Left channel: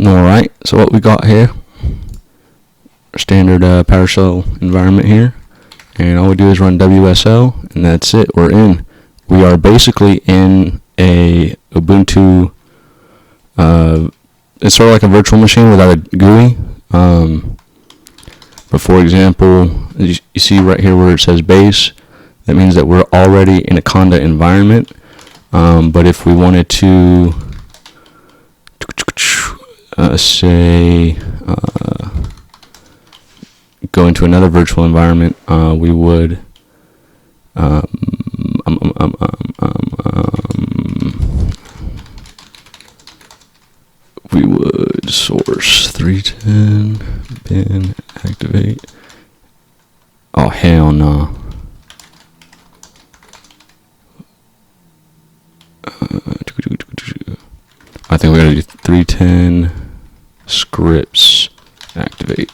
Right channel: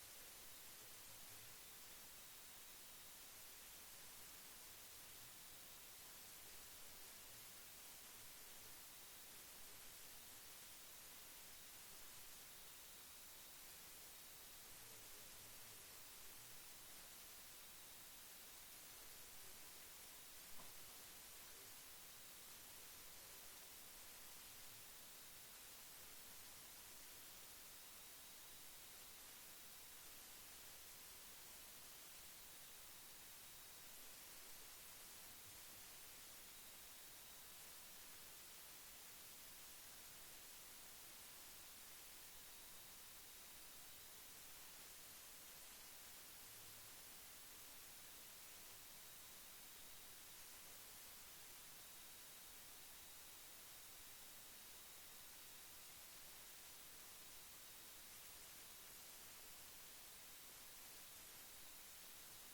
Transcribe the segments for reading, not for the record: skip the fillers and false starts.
Alright, so what we got here, standard PowerShell environment here, and all we do is run WSL, and that's it, we're in. We are basically in a Ubuntu, it's sort of like a virtual machine without a GUI, but for example, you see right here where it says base, that means that we're already in a Conda environment, but if we wanted to say go into another virtual environment, we would source 310 bin activate. Oh hell no. I think we gotta do 310 scripts activate.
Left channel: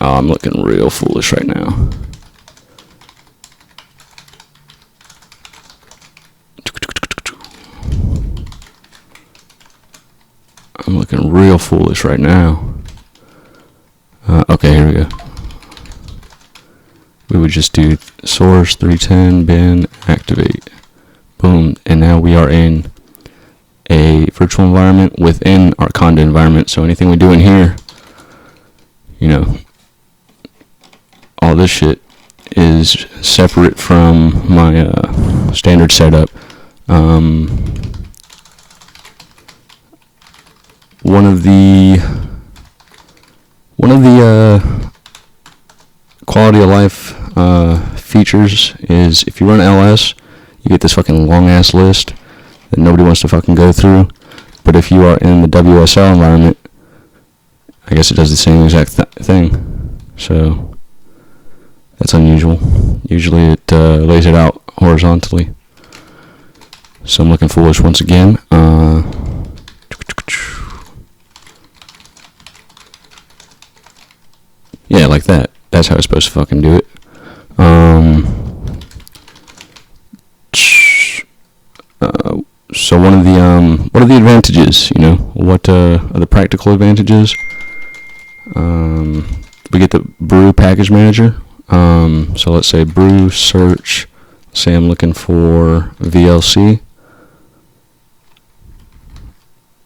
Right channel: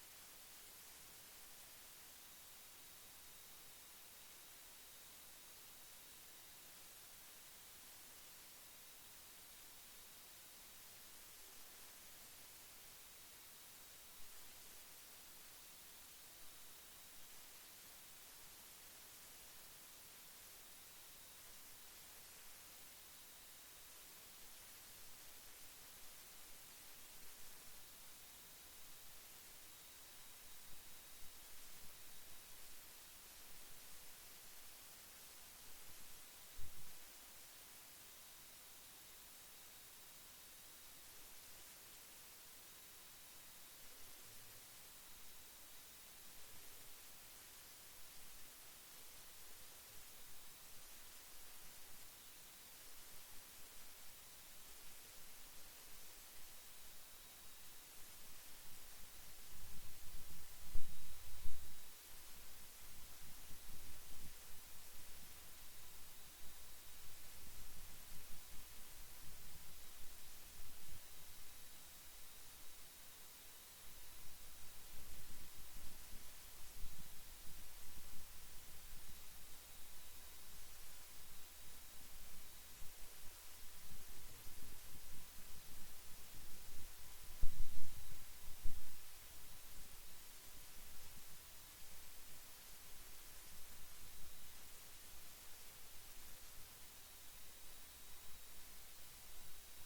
Oh, I'm looking real foolish right now. I'm looking real foolish right now. Okay, here we go. We would just do source 310 bin activate. Boom, and now we are in a virtual environment within our Conda environment. So anything we do in here, you know, all this shit is separate from my standard setup. One of the quality of life features is if you run ls, you get this fucking long ass list that nobody wants to fucking go through. But if you are in the WSL environment, I guess it does the same exact thing. So that's unusual. Usually it lays it out horizontally. So I'm looking foolish once again. Yeah, like that. That's how it's supposed to fucking do it. So what are the advantages? You know, what are the practical advantages? We get the brew package manager. So let's say brew search. Say I'm looking for VLC.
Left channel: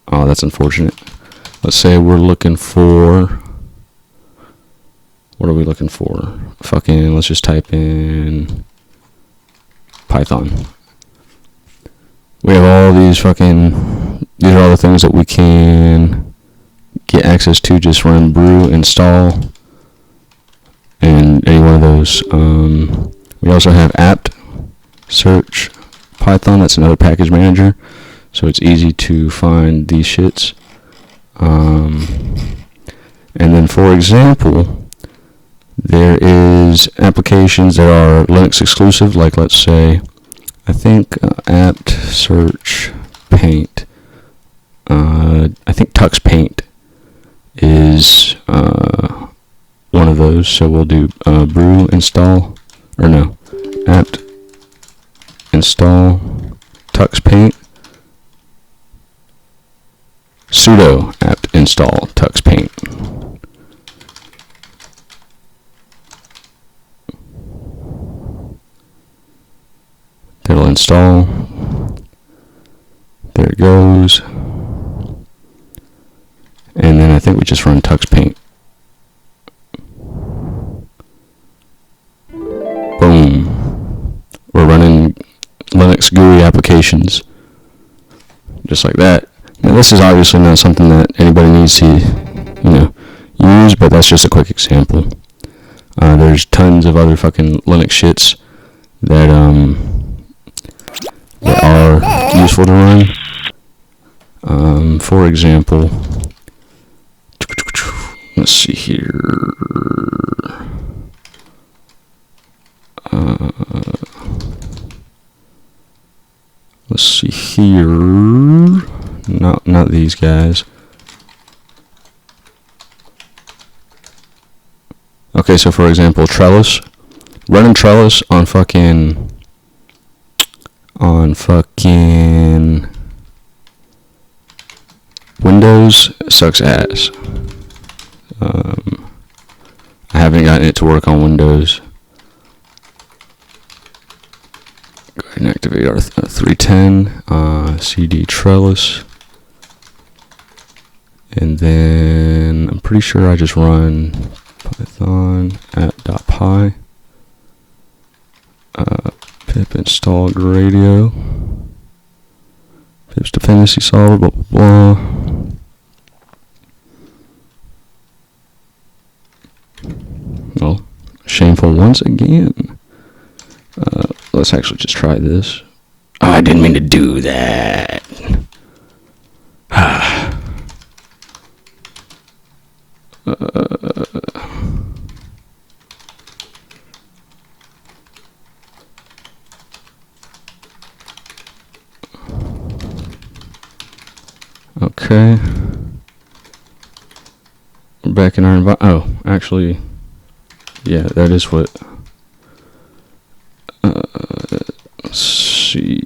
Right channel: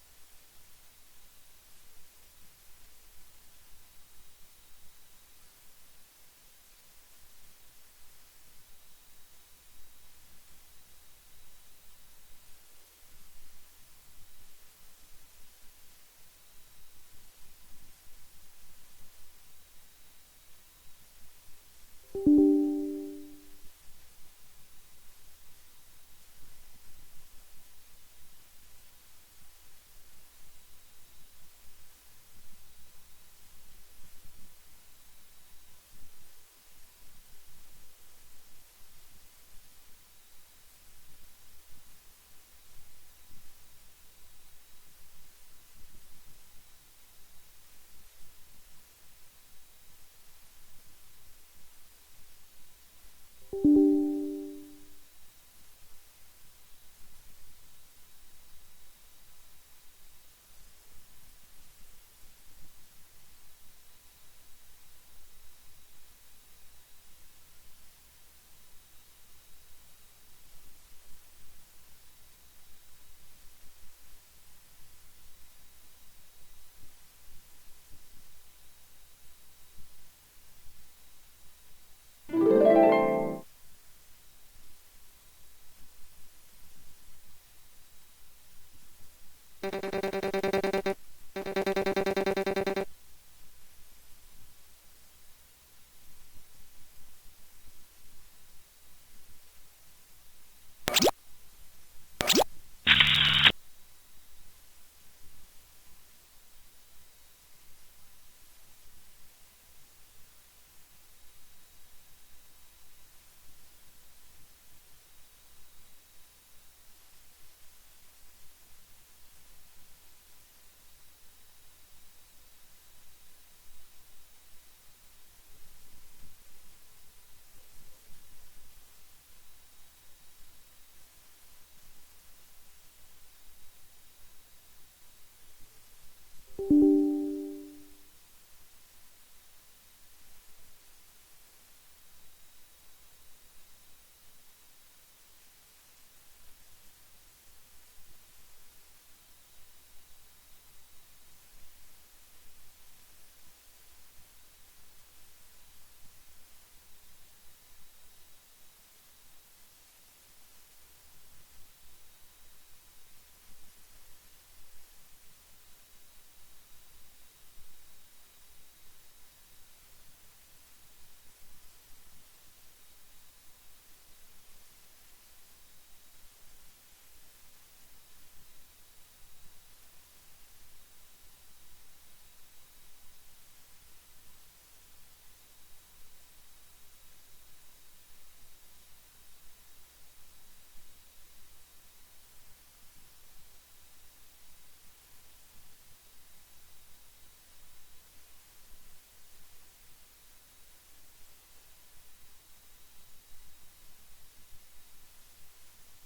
Oh, that's unfortunate. Let's say we're looking for. What are we looking for? Fucking, let's just type in Python. We have all these these are all the things that we can get access to. Just run brew install and any one of those. We also have apt search Python. That's another package manager, so it's easy to find these shits. And then for example, there is applications that are Linux exclusive, like let's say, I think apt search paint. I think Tux Paint is one of those. So we'll do brew install, or no, apt install Tux Paint, sudo apt install Tux Paint. It'll install. There it goes. And then I think we just run Tux Paint. Boom. We're running Linux GUI applications. Just like that. Now this is obviously not something that anybody needs to, use, but that's just a quick example. There's tons of other fucking Linux shits that are useful to run. For example, let's see here. Let's see here. Not these guys. Okay, so for example, Trellis. Running Trellis on fucking Windows Windows sucks ass. I haven't gotten it to work on Windows. Go ahead and activate our 310 CD Trellis. And then I'm pretty sure I just run Python app.py. Pip install Gradio. Pip's dependency solver, blah, blah, blah. Well, shameful once again. Let's actually just try this. Oh, I didn't mean to do that. Okay. We're back in our environment. Oh, actually, yeah, that is what. Let's see.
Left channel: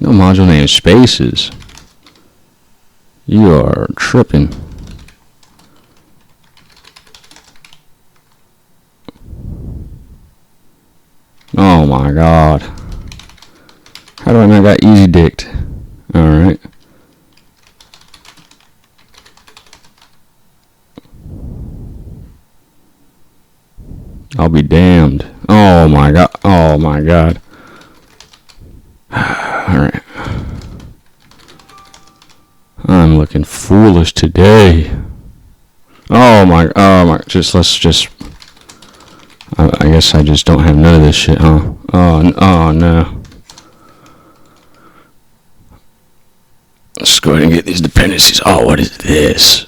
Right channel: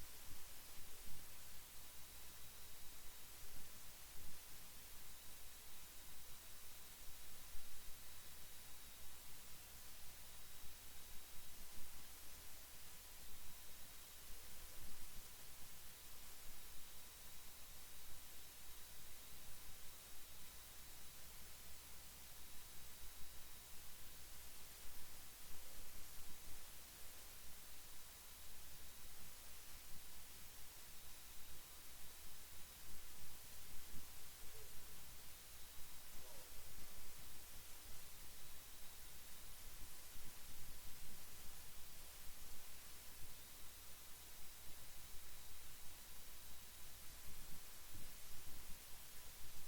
No module name spaces. You are tripping. Oh my god. How do I make that easy dicked? Alright. I'll be damned. Oh my god. Oh my god. Alright. I'm looking foolish today. Oh my, let's just, I guess I just don't have none of this shit, huh? Oh no. Let's go ahead and get these dependencies. Oh, what is this?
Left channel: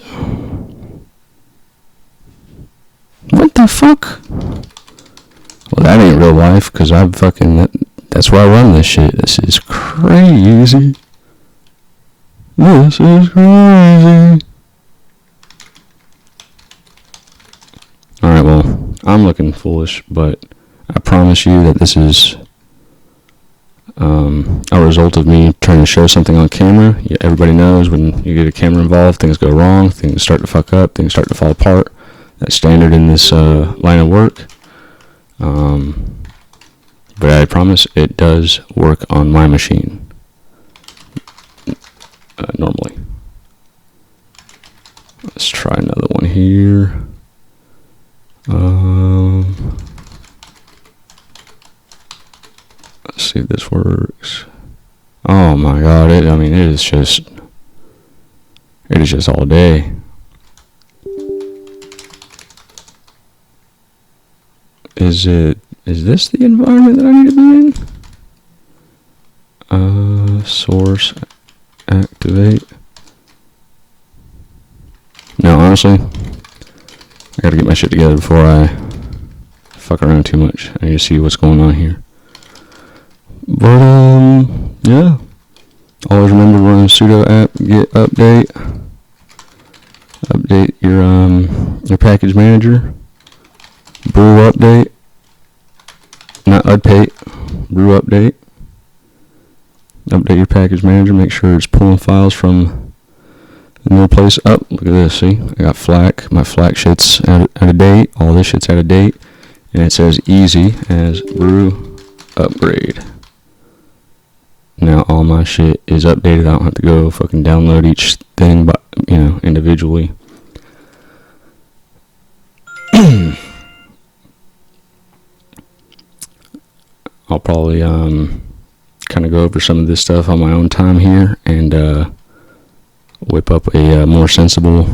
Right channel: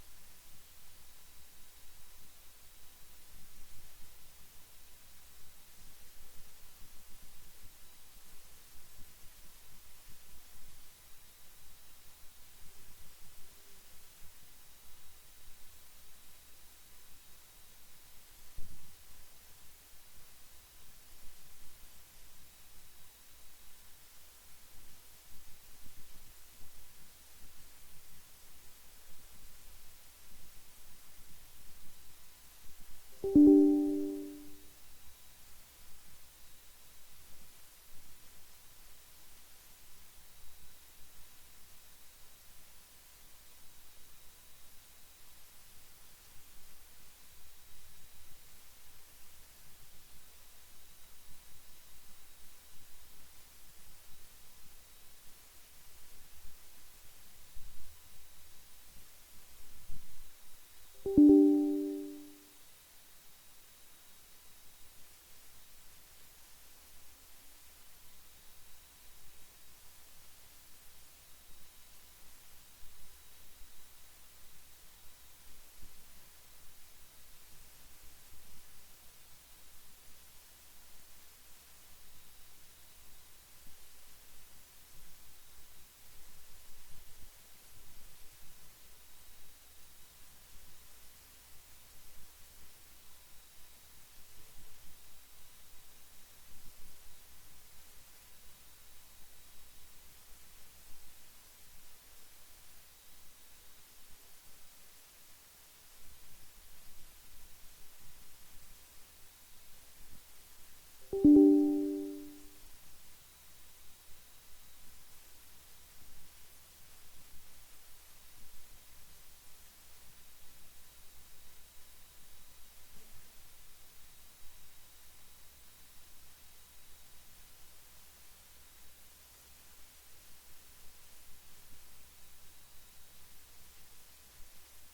What the fuck? Well, that ain't real life, because I'm fucking, that's where I run this shit. This is crazy. This is crazy. Alright, well, I'm looking foolish, but I promise you that this is a result of me trying to show something on camera. Yeah, everybody knows when you get a camera involved, things go wrong, things start to fuck up, things start to fall apart. That's standard in this line of work. But I promise it does work on my machine. Normally. Let's try another one here. Let's see if this works. Oh my god, it is just all day. Is this the environment that I need to be in? Source activate. No, honestly, I gotta get my shit together before I fuck around too much. I need to see what's going on here. But, yeah. Always remember to run sudo apt get update. Update your package manager. Brew update. Not update. Brew update. Update your package manager. Make sure it's pulling files from the new place. Up. Look at this. See? I got FLAC. My FLAC shit's out of date. All this shit's out of date. And it says easy as brew upgrade. Now all my shit is updated. I don't have to go fucking download each thing, but individually. I'll probably kind of go over some of this stuff on my own time here and whip up a more sensible,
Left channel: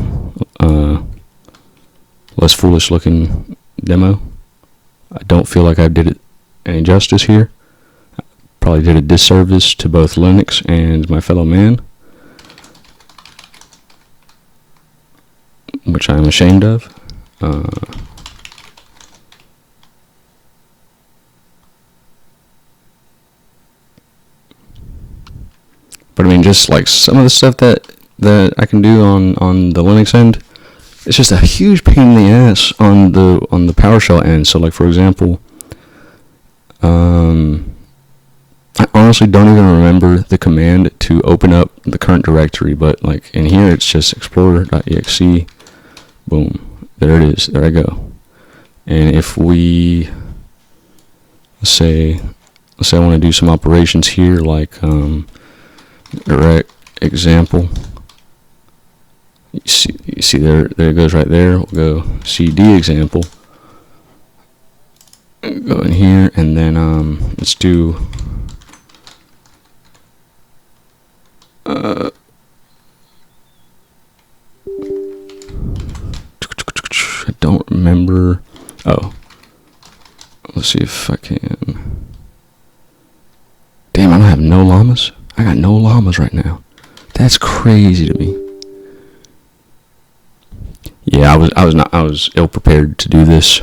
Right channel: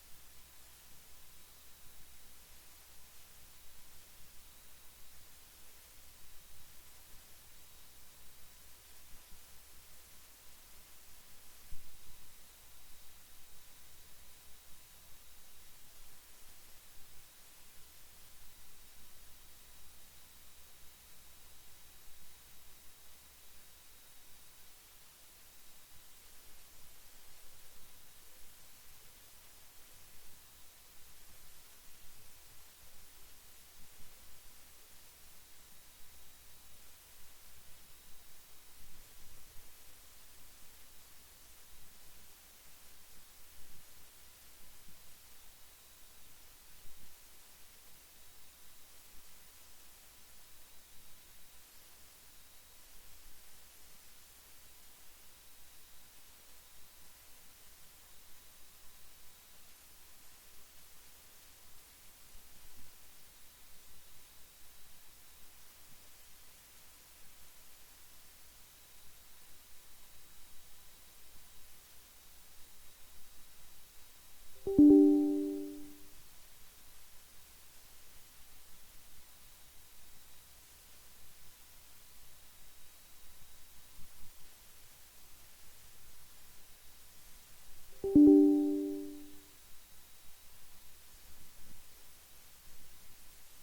less foolish looking demo. I don't feel like I did it any justice here. I probably did a disservice to both Linux and my fellow man, which I'm ashamed of. But I mean, just like some of the stuff that I can do on the Linux end, it's just a huge pain in the ass on the PowerShell end. So like, for example, I honestly don't even remember the command to open up the current directory, but like in here it's just explorer.exe. Boom. There it is. There I go. And if we let's say I want to do some operations here, like direct example. You see there it goes right there. We'll go cd example. Go in here and then let's do I don't remember. Oh, let's see if I can. Damn, I don't have no llamas. I got no llamas right now. That's crazy to me. Yeah, I was ill prepared to do this.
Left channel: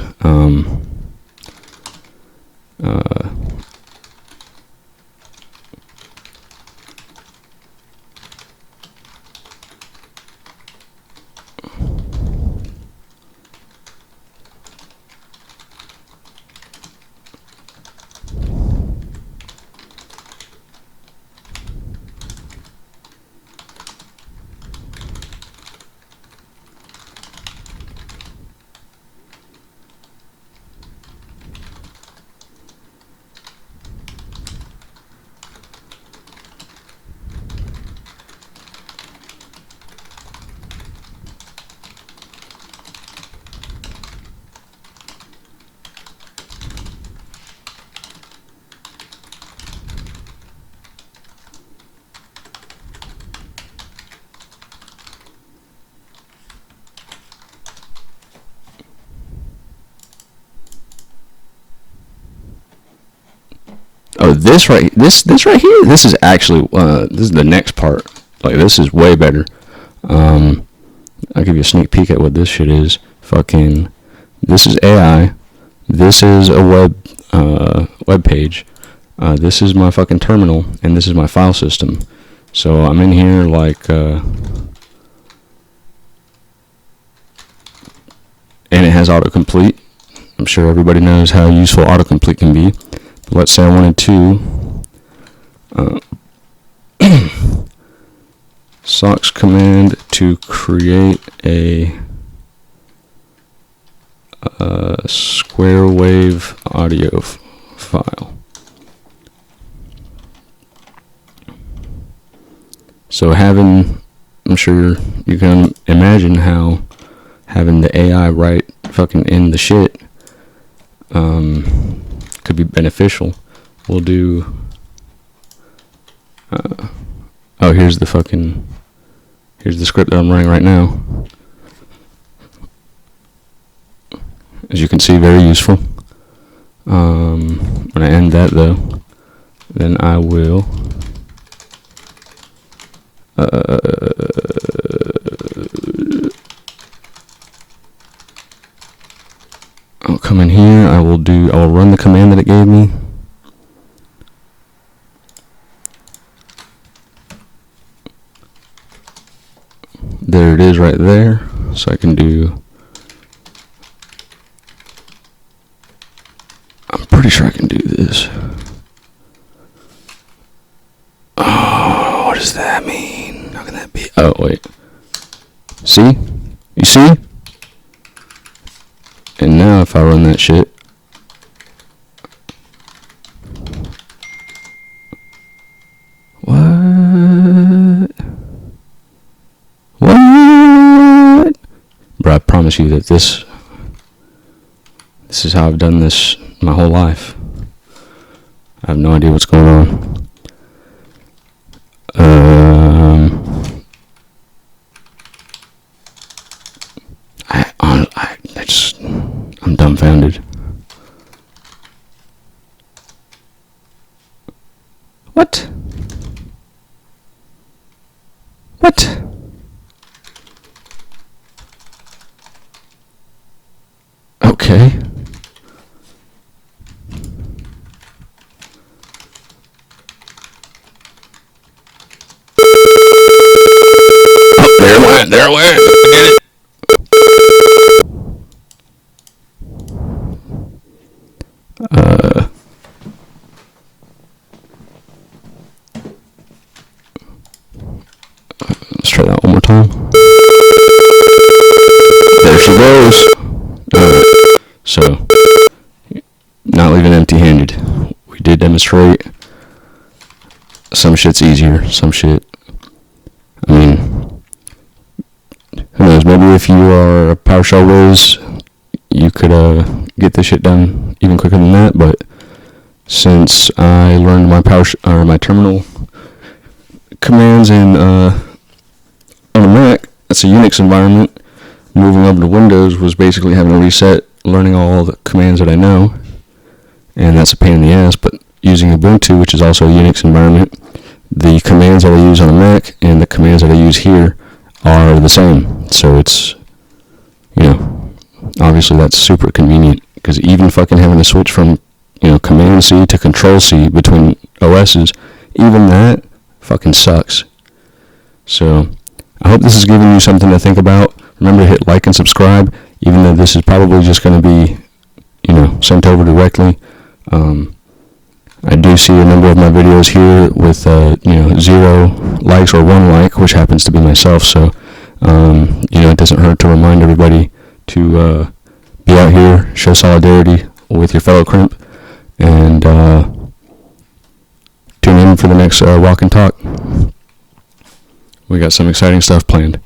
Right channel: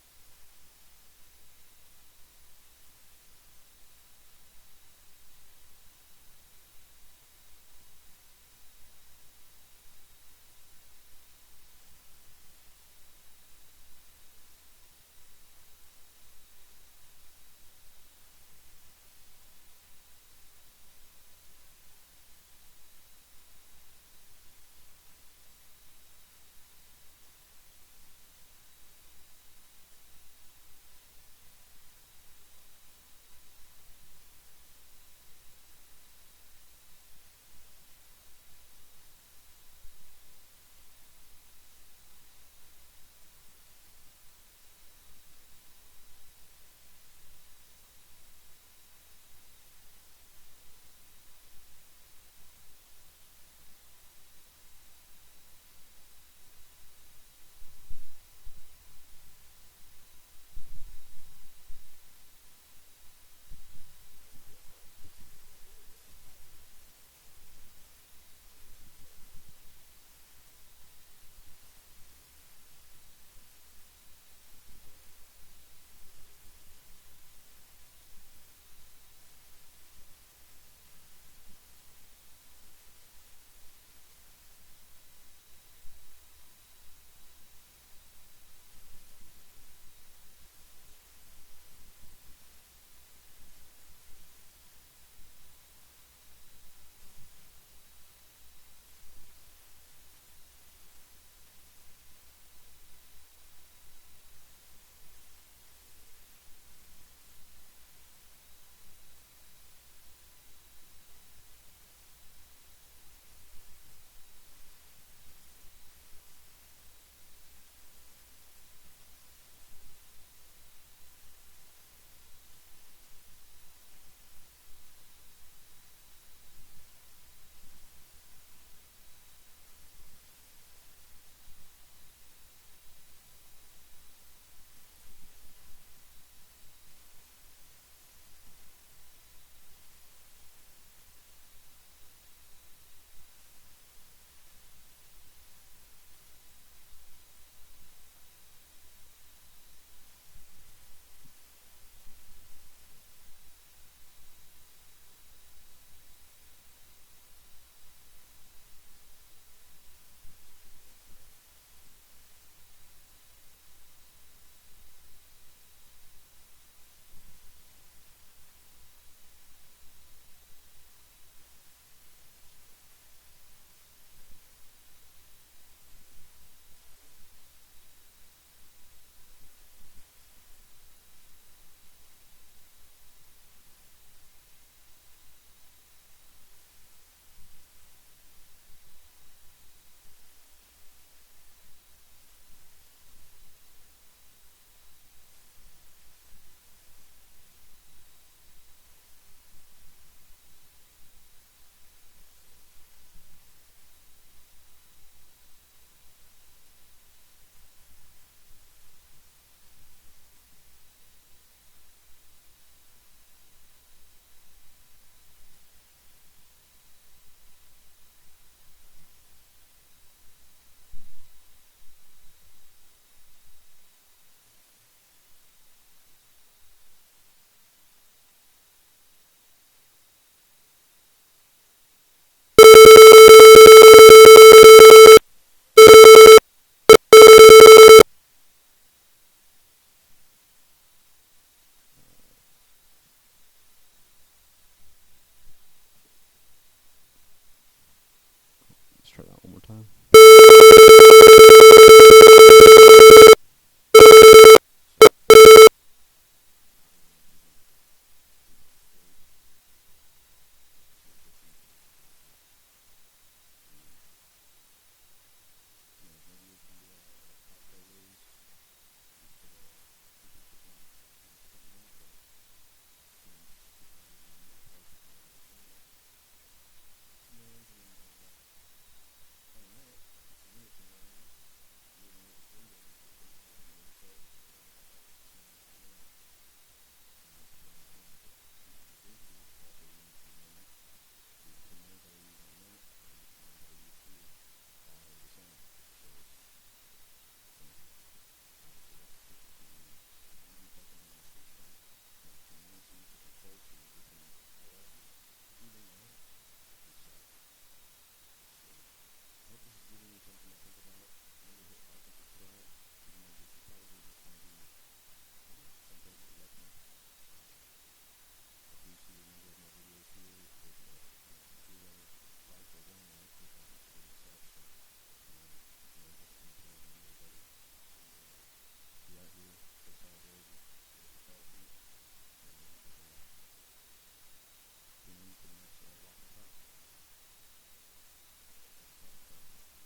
Oh, this right here. This is actually this is the next part. Like this is way better. I'll give you a sneak peek at what this shit is. Fucking, this is AI. This is a web page. This is my fucking terminal, and this is my file system. So I'm in here like, and it has autocomplete. I'm sure everybody knows how useful autocomplete can be. But let's say I wanted to SOX command to create a square wave audio file. So having, I'm sure you can imagine how having the AI write fucking in the shit could be beneficial. We'll do oh, here's the script that I'm running right now. As you can see, very useful. When I end that though, then I will I'll come in here. I will run the command that it gave me. There it is right there. So I can do, I'm pretty sure I can do this. Oh, what does that mean? How can that be? Oh, wait. See? You see? And now if I run that shit, what? Bro, I promise you that this is how I've done this my whole life. I have no idea what's going on. I'm dumbfounded. What? What? Okay. Oh, there it went. Forget it. time. There she goes. So, not leaving empty-handed. We did demonstrate. Some shit's easier. Some shit, I mean, who knows? Maybe if you are a PowerShell whiz, you could get this shit done even quicker than that. But since I learned my terminal commands in on a Mac, that's a Unix environment. Moving over to Windows was basically having to reset, learning all the commands that I know, and that's a pain in the ass. But using Ubuntu, which is also a Unix environment, the commands that I use on a Mac and the commands that I use here are the same. So it's, obviously that's super convenient, because even fucking having to switch from, Command C to Control C between OSs, even that fucking sucks. So I hope this is giving you something to think about. Remember to hit like and subscribe, even though this is probably just going to be, sent over directly. I do see a number of my videos here with, 0 likes or 1 like, which happens to be myself. So, it doesn't hurt to remind everybody to be out here, show solidarity with your fellow crimp, and tune in for the next Walk and Talk. We got some exciting stuff planned.